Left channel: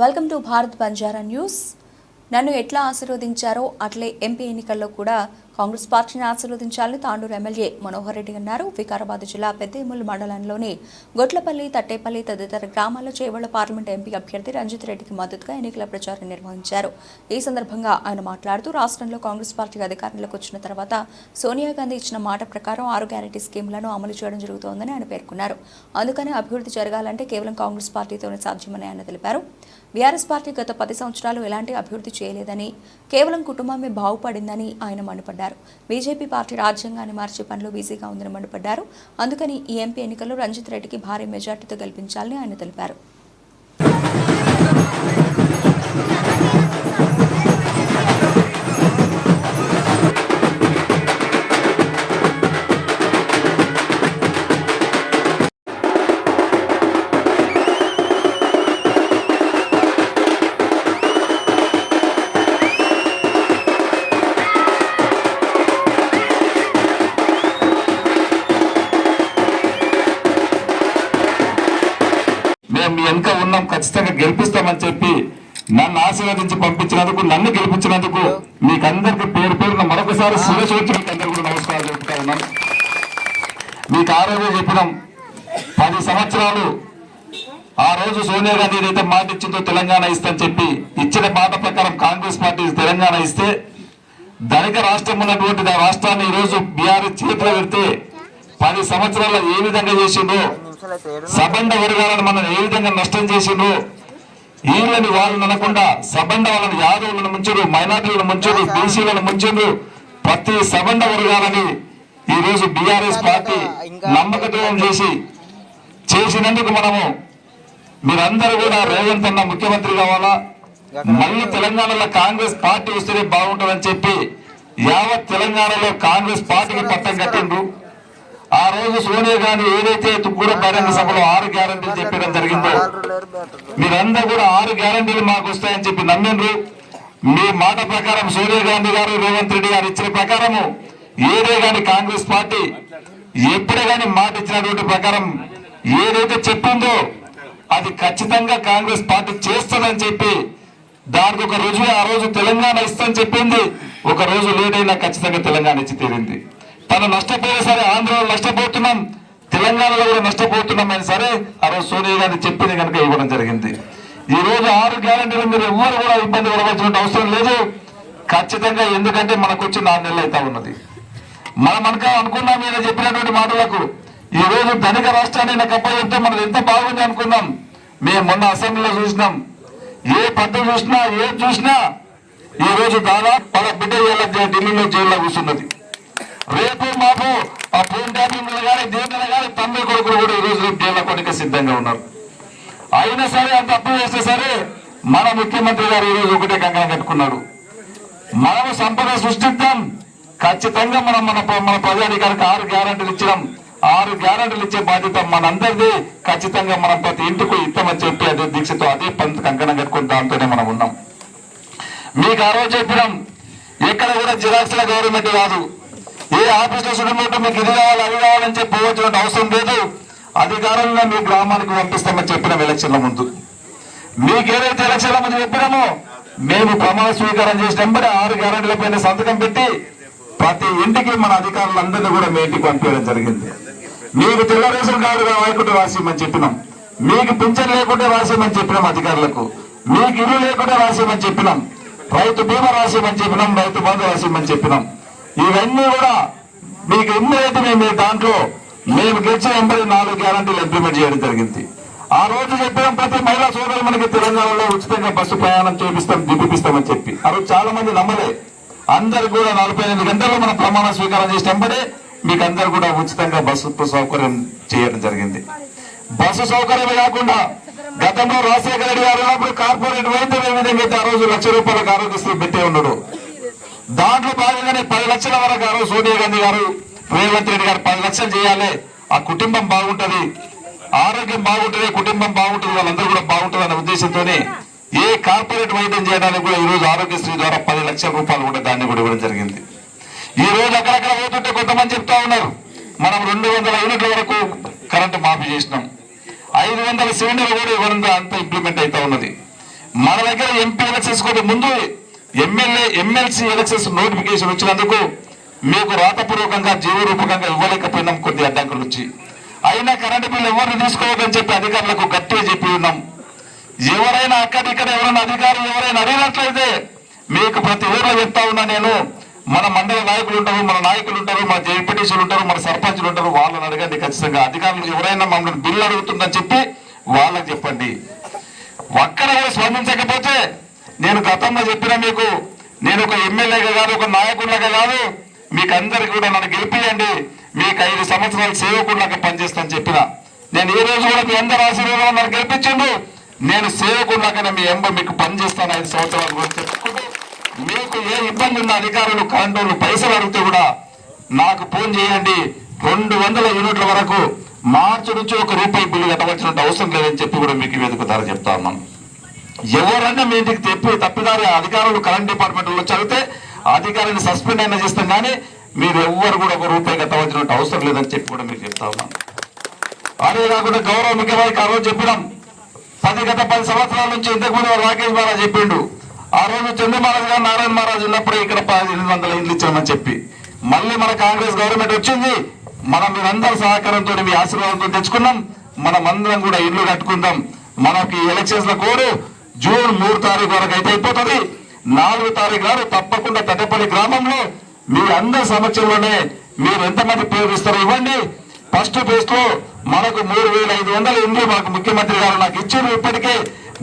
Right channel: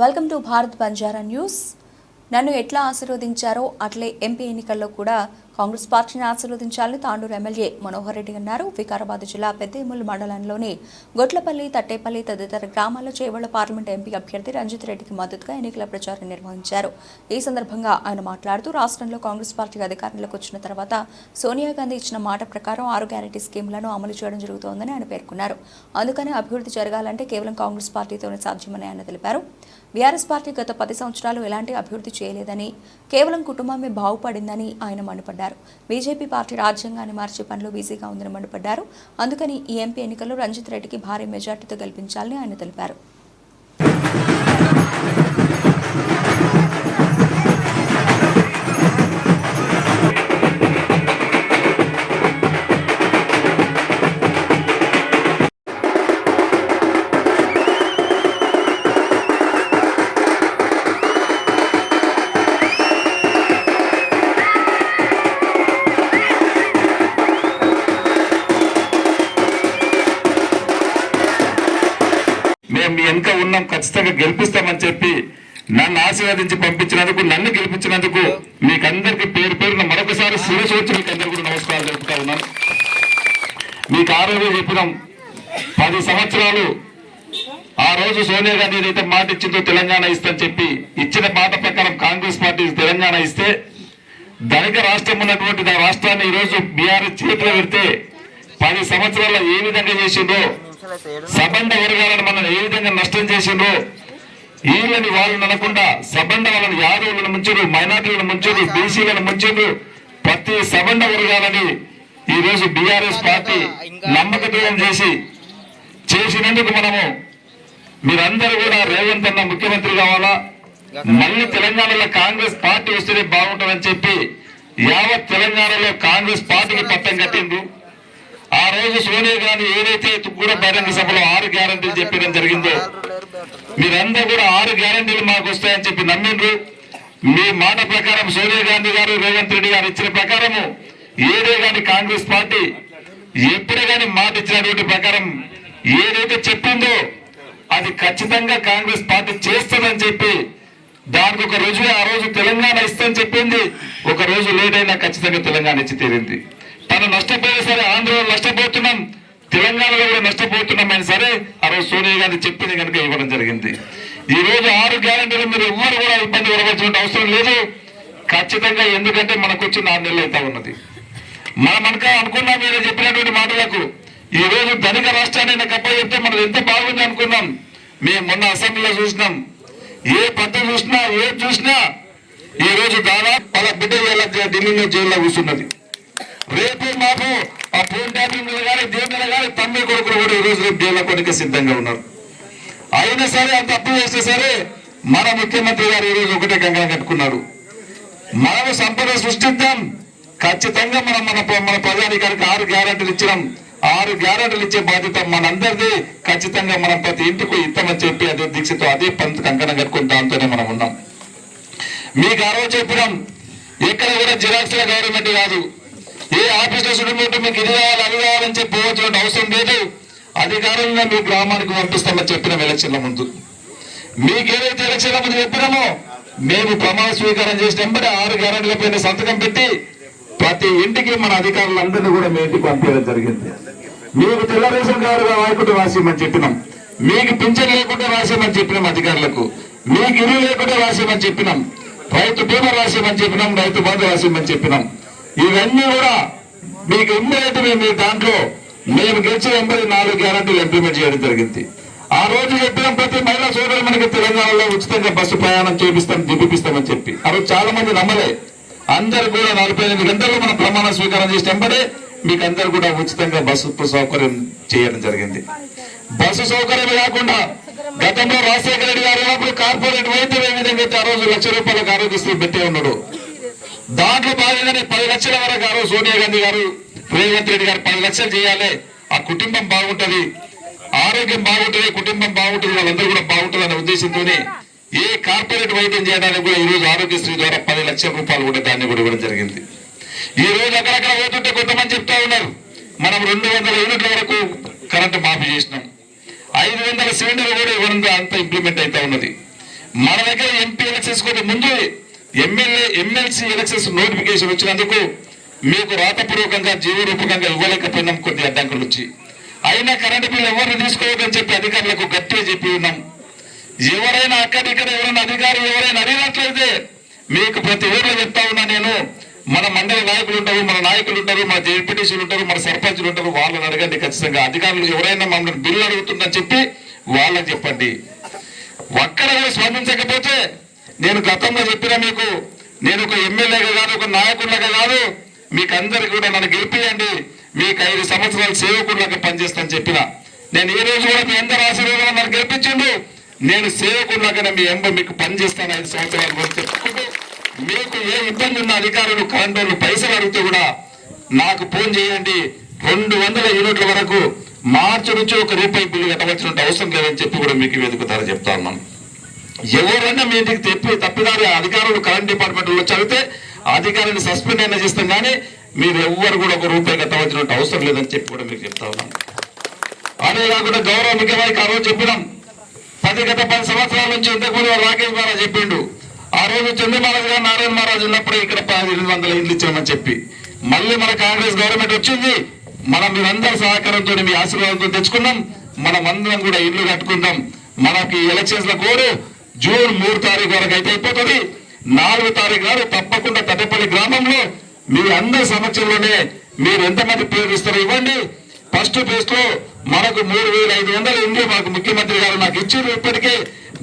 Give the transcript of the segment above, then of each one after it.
Welcome to Bharat Banjara news. నన్ను ఎట్లా ఆశీర్వదించారో అట్లే ఎంపీ ఎన్నికల్లో కూడా కాంగ్రెస్ పార్టీని ఆశీర్వదించాలని తాండూరు ఎమ్మెల్యే మనోహర్ రెడ్డి అన్నారు. వికారాబాద్ జిల్లా పెద్దేముల్ మండలంలోని గొట్లపల్లి, తట్టేపల్లి తదితర గ్రామాల్లో చేవళ్ల పార్లమెంట్ ఎంపీ అభ్యర్థి రంజిత్ రెడ్డికి మద్దతుగా ఎన్నికల ప్రచారం నిర్వహించారు. ఈ సందర్భంగా ఆయన మాట్లాడుతూ రాష్ట్రంలో కాంగ్రెస్ పార్టీ అధికారంలోకి వచ్చిన తర్వాత సోనియా గాంధీ ఇచ్చిన మాట ప్రకారం 6 గ్యారెంటీ స్కీమ్లను అమలు చేయడం జరుగుతోందని ఆయన పేర్కొన్నారు. అందుకని అభివృద్ధి జరగాలంటే కేవలం కాంగ్రెస్ పార్టీతోనే సాధ్యమని ఆయన తెలిపారు. బీఆర్ఎస్ పార్టీ గత 10 సంవత్సరాలు ఎలాంటి అభివృద్ధి చేయలేదని, కేవలం కుటుంబమే బాగుపడిందని ఆయన మండిపడ్డారు. బీజేపీ పార్టీ రాజ్యాంగాన్ని మార్చే పనిలో బిజీగా ఉందని మండిపడ్డారు. అందుకని ఈ ఎంపీ ఎన్నికల్లో రంజిత్ రెడ్డికి భారీ మెజార్టీతో గెలిపించాలని ఆయన తెలిపారు. మీ వెనుక ఉన్నాం, ఖచ్చితంగా గెలిపిస్తామని చెప్పి నన్ను ఆశీర్వదించి పంపించినందుకు, నన్ను గెలిపించినందుకు మీకందరికి పేరు పేరున మరొకసారి శిరస్సు వచ్చి మీకు అందరు కూడా నమస్కారాలు చెప్తా ఉన్నాం. మీకు ఆ రోజు చెప్పినాం, 10 సంవత్సరాలు ఆ రోజు సోనియా గాంధీ ఏదైతే మాట ఇచ్చిందో తెలంగాణ ఇస్తని చెప్పి ఇచ్చిన మాట ప్రకారం కాంగ్రెస్ పార్టీ తెలంగాణ ఇస్తే ధనిక రాష్ట్రం ఉన్నటువంటి ఆ రాష్ట్రాన్ని ఈరోజు బీఆర్ఎస్ చేతిలో పెడితే 10 సంవత్సరాల్లో ఏ విధంగా చేసిందో, సబండ వర్గాలను మనం ఏ విధంగా నష్టం చేసిండ్రో, వీళ్ళని వాళ్ళని అనకుండా సబండ వాళ్ళని యాదవులను ముంచారు, మైనార్టీలను ముంచారు, బీసీలను ముంచారు. ప్రతి సబండ వర్గాలని ఈ రోజు బీఆర్ఎస్ పార్టీ నమ్మకద్రోహం చేసినందుకు మనము మీరందరూ కూడా రేవంత్ అన్న ముఖ్యమంత్రి కావాలా, మళ్ళీ తెలంగాణలో కాంగ్రెస్ పార్టీ వస్తేనే బాగుంటుందని చెప్పి యావత్ తెలంగాణలో కాంగ్రెస్ పార్టీకి పట్టం కట్టిండ్రు. ఆ రోజు సోనియా గాంధీ ఏదైతే తుక్కూర బహిరంగ సభలో 6 గ్యారంటీలు చెప్పడం జరిగిందో, మీరందరూ కూడా 6 గ్యారంటీలు మాకు వస్తాయని చెప్పి నమ్మిండ్రు. మీ మాట ప్రకారం సోనియా గాంధీ గారు, రేవంత్ రెడ్డి గారు ఇచ్చిన ప్రకారము ఏదే గాని కాంగ్రెస్ పార్టీ ఎప్పుడే గాని మాట ఇచ్చినటువంటి ప్రకారం ఏదైతే చెప్పిందో అది ఖచ్చితంగా కాంగ్రెస్ పార్టీ చేస్తుందని చెప్పి దానికి ఒక రుజువే ఆ రోజు తెలంగాణ ఇస్తని చెప్పింది. ఒక రోజు లేట్ అయినా ఖచ్చితంగా తెలంగాణ ఇచ్చి తీరింది. తను నష్టపోయినా సరే ఆంధ్రలో నష్టపోతున్నాం, తెలంగాణలో కూడా నష్టపోతున్నాం అయినా సరే ఆ రోజు సోనియా గాంధీ చెప్పింది కనుక ఇవ్వడం జరిగింది. ఈ రోజు 6 గ్యారెంటీలు మీరు ఎవ్వరు కూడా ఇబ్బంది పడవలసిన అవసరం లేదు ఖచ్చితంగా. ఎందుకంటే మనకు వచ్చి 4 నెలలు అవుతా ఉన్నది. మనక అనుకున్నాం మీరు చెప్పినటువంటి మాటలకు ఈ రోజు ధనిక రాష్ట్రాన్ని నాకు అప్పచెప్తే మనకు ఎంత బాగుంది అనుకున్నాం. మేము మొన్న అసెంబ్లీలో చూసినాం, ఏ పద్ధతి చూసినా ఏది చూసినా ఈ రోజు దాదాపు 10 బిడ్డ ఢిల్లీలో జైల్లో కూర్చున్నది. రేపు మాకు ఆ ఫోన్ ట్యాపింగ్ కానీ దేనిలో కానీ తమ్మి కొడుకులు కూడా ఈ రోజు రేపు జైల్లో కొనికే సిద్ధంగా ఉన్నారు. అయినా సరే అంత తప్పు చేస్తే సరే మన ముఖ్యమంత్రి గారు ఈ రోజు ఒకటే కంకణం కట్టుకున్నాడు, మనము సంపద సృష్టిద్దాం, ఖచ్చితంగా మనం మన ప్రజాధికారికి 6 గ్యారెంటీలు ఇచ్చినాం. 6 గ్యారెంటీలు ఇచ్చే బాధ్యత మనందరిది. ఖచ్చితంగా మనం ప్రతి ఇంటికి ఇస్తామని చెప్పి అదే దీక్షతో అదే కంకణం కట్టుకుని దాంతోనే మనం ఉన్నాం. మీకు ఆ రోజు చెప్పినాం, ఎక్కడ కూడా జిరాక్స్ల గవర్నమెంట్ కాదు, ఏ ఆఫీసులో సుడిపోతే మీకు ఇది కావాలి అది కావాలని చెప్పి పోవాల్సిన అవసరం లేదు. అధికారంగా మీ గ్రామానికి పంపిస్తామని చెప్పినాం ఎలక్షన్ల ముందు. మీకు ఏదైతే ఎలక్షన్ల ముందు చెప్పినామో మేము ప్రమాణ స్వీకారం చేసినప్పుడు 6 గ్యారెంటీల పైన సంతకం పెట్టి ప్రతి ఇంటికి మన అధికారులందరినీ కూడా మీ ఇంటికి పంపించడం జరిగింది. మీకు తెల్ల రేషన్ కార్డు లేకుంటే రాసిమని చెప్పినాం, మీకు పింఛన్ లేకుంటే రాసిమని చెప్పినాం అధికారులకు, మీకు ఇల్లు లేకుంటే రాసిమని చెప్పినాం, రైతు బీమా రాసిమని చెప్పినాం, రైతు బంధు రాసిమని చెప్పినాం. ఇవన్నీ కూడా మీకు ఎన్నైతే మేము దాంట్లో మేము గెలిచిన 84 గ్యారెంటీలు ఇంప్లిమెంట్ చేయడం జరిగింది. ఆ రోజు చెప్పిన ప్రతి మహిళా సోదరు మనకి తెలంగాణలో ఉచితంగా బస్సు ప్రయాణం దింపిస్తామని చెప్పి ఆ రోజు చాలా మంది నమ్మలే. అందరు కూడా 48 గంటల్లో మనం ప్రమాణ స్వీకారం చేసినప్పుడే మీకు అందరు కూడా ఉచితంగా బస్సు సౌకర్యం చేయడం జరిగింది. బస్సు సౌకర్యమే కాకుండా గతంలో రాజశేఖర రెడ్డి గారు ఉన్నప్పుడు కార్పొరేట్ వైద్యం ఏ విధంగా అయితే ఆ రోజు ₹1,00,000 ఆరోగ్యశ్రీ పెట్టే ఉన్నాడు, దాంట్లో భాగంగానే 10 లక్షల వరకు ఆ రోజు సోనియా గాంధీ గారు, రేవంత్ రెడ్డి గారు 10 లక్షలు చేయాలి, ఆ కుటుంబం బాగుంటది, ఆరోగ్యం బాగుంటుంది, కుటుంబం బాగుంటుంది, వాళ్ళందరూ కూడా బాగుంటుంది అనే ఉద్దేశంతోనే ఏ కార్పొరేట్ వైద్యం చేయడానికి కూడా ఈ రోజు ఆరోగ్యశ్రీ ద్వారా ₹10 లక్షలు కూడా దాన్ని కూడా ఇవ్వడం జరిగింది. ఈ రోజు అక్కడక్కడ పోతుంటే కొంతమంది చెప్తా ఉన్నారు, మనం 200 యూనిట్ల వరకు కరెంటు మాఫీ చేసినాం, 500 సిలిండర్లు కూడా ఇవ్వడం అంతా ఇంప్లిమెంట్ అవుతా ఉన్నది. మన దగ్గర ఎంపీ ఎలక్షన్స్ కూడా ముందు ఎమ్మెల్సీ ఎలక్షన్స్ నోటిఫికేషన్ వచ్చినందుకు మీకు రాతపూర్వకంగా జీవరూపకంగా ఇవ్వలేకపోయినాం కొద్ది అడ్డంకులు వచ్చి. అయినా కరెంటు బిల్లు ఎవరిని తీసుకోవద్దని చెప్పి అధికారులకు గట్టిగా చెప్పి ఉన్నాం. ఎవరైనా అక్కడిక్కడ ఎవరైనా అధికారులు ఎవరైనా అడిగినట్లయితే మీకు ప్రతి ఊర్లో చెప్తా ఉన్నా నేను, మన మండల నాయకులు ఉంటారు, మన నాయకులు ఉంటారు, మన జెడ్పీటీసీలు ఉంటారు, మన సర్పంచులు ఉంటారు, వాళ్ళని అడగండి. ఖచ్చితంగా అధికారులు ఎవరైనా మమ్మల్ని బిల్లు అడుగుతుందని చెప్పి వాళ్ళకి చెప్పండి. ఒక్కడ కూడా స్పందించకపోతే నేను గతంలో చెప్పిన మీకు, నేను ఒక ఎమ్మెల్యేగా కాదు, ఒక నాయకుడిలాగా కాదు, మీకు అందరికి కూడా నన్ను గెలిపియండి, మీకు 5 సంవత్సరాలు సేవకుడిలాగా పనిచేస్తానని చెప్పిన. నేను ఈ రోజు కూడా మీ అందరి ఆశీర్వాదం నన్ను గెలిపించండు. నేను సేవకుడిలాగానే మీ మీకు పనిచేస్తాను 5 సంవత్సరాలు కూడా చెప్పుకుంటూ, మీకు ఏ ఇబ్బంది ఉన్న అధికారులు కరెంటు వాళ్ళు పైసలు అడిగితే కూడా నాకు ఫోన్ చేయండి. 200 యూనిట్ల వరకు మార్చి నుంచి ₹1 బిల్లు కట్టవలసిన అవసరం లేదని చెప్పి కూడా మీకు వేదిక ద్వారా చెప్తా ఉన్నాం. ఎవరైనా మీ ఇంటికి తప్పిదారి అధికారులు కరెంట్ డిపార్ట్మెంట్ వచ్చి అడిగితే అధికారిని సస్పెండ్ అయినా చేస్తాం, కానీ మీరు ఎవ్వరు కూడా ₹1 కట్టవలసిన అవసరం లేదని చెప్పి కూడా మీకు చెప్తా ఉన్నాం. అదే కాకుండా గౌరవ ముఖ్యమంత్రి ఆ రోజు చెప్పినాం, గత 10 సంవత్సరాల నుంచి ఇంతకుముందు రాకేష్ మహారాజ్ చెప్పిండు. ఆ రోజు చంద్రమహారాజ్ గారు నారాయణ మహారాజ్ ఉన్నప్పుడు ఇక్కడ 800 ఇల్లు ఇచ్చామని చెప్పి, మళ్ళీ మన కాంగ్రెస్ గవర్నమెంట్ వచ్చింది. మనం మీరందరూ సహకారంతో మీ ఆశీర్వాదంతో తెచ్చుకున్నాం. మనం అందరం కూడా ఇల్లు కట్టుకుందాం. మనకి ఎలక్షన్స్ లో కోరు జూన్ 3 తారీఖు వరకు అయితే అయిపోతుంది. 4 తారీఖు నాడు తప్పకుండా తటపల్లి గ్రామంలో మీ అందరి సమక్షంలోనే మీరు ఎంతమంది పేరు ఇస్తారో ఇవ్వండి. ఫస్ట్ ఫేజ్ లో మనకు 3500 ఇండ్లు మనకు ముఖ్యమంత్రి గారు నాకు ఇచ్చారు. ఇప్పటికే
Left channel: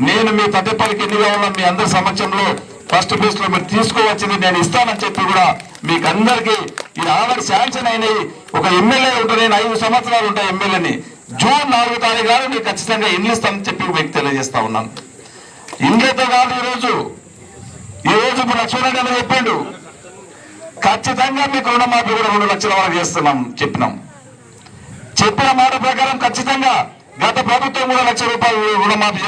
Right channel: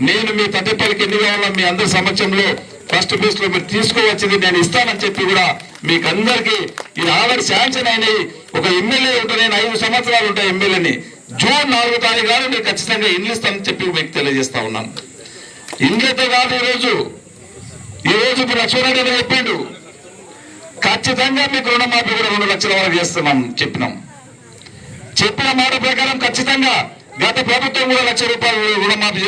నేను మీ తటపల్లికి ఎన్ని కావాలో మీ అందరి సమక్షంలో ఫస్ట్ ఫేజ్ లో మీరు తీసుకోవచ్చింది నేను ఇస్తానని చెప్పి కూడా మీకు అందరికీ ఇది ఆల్రెడీ శాంక్షన్ అయినాయి. ఒక ఎమ్మెల్యే ఉంటా, నేను 5 సంవత్సరాలు ఉంటాయి ఎమ్మెల్యేని. జూన్ 4 తారీఖు నాడు మీకు ఖచ్చితంగా ఇల్లు ఇస్తానని చెప్పి మీకు తెలియజేస్తా ఉన్నాను. ఇండియాతో కాదు, ఈ రోజు ఇప్పుడు లక్ష్మణరెడ్డి అని చెప్పిండు, ఖచ్చితంగా మీకు రుణమాఫీ కూడా 2 లక్షల వరకు చేస్తున్నాం చెప్పినాం. చెప్పిన మాట ప్రకారం ఖచ్చితంగా గత ప్రభుత్వం కూడా ₹1,00,000 రుణమాఫీ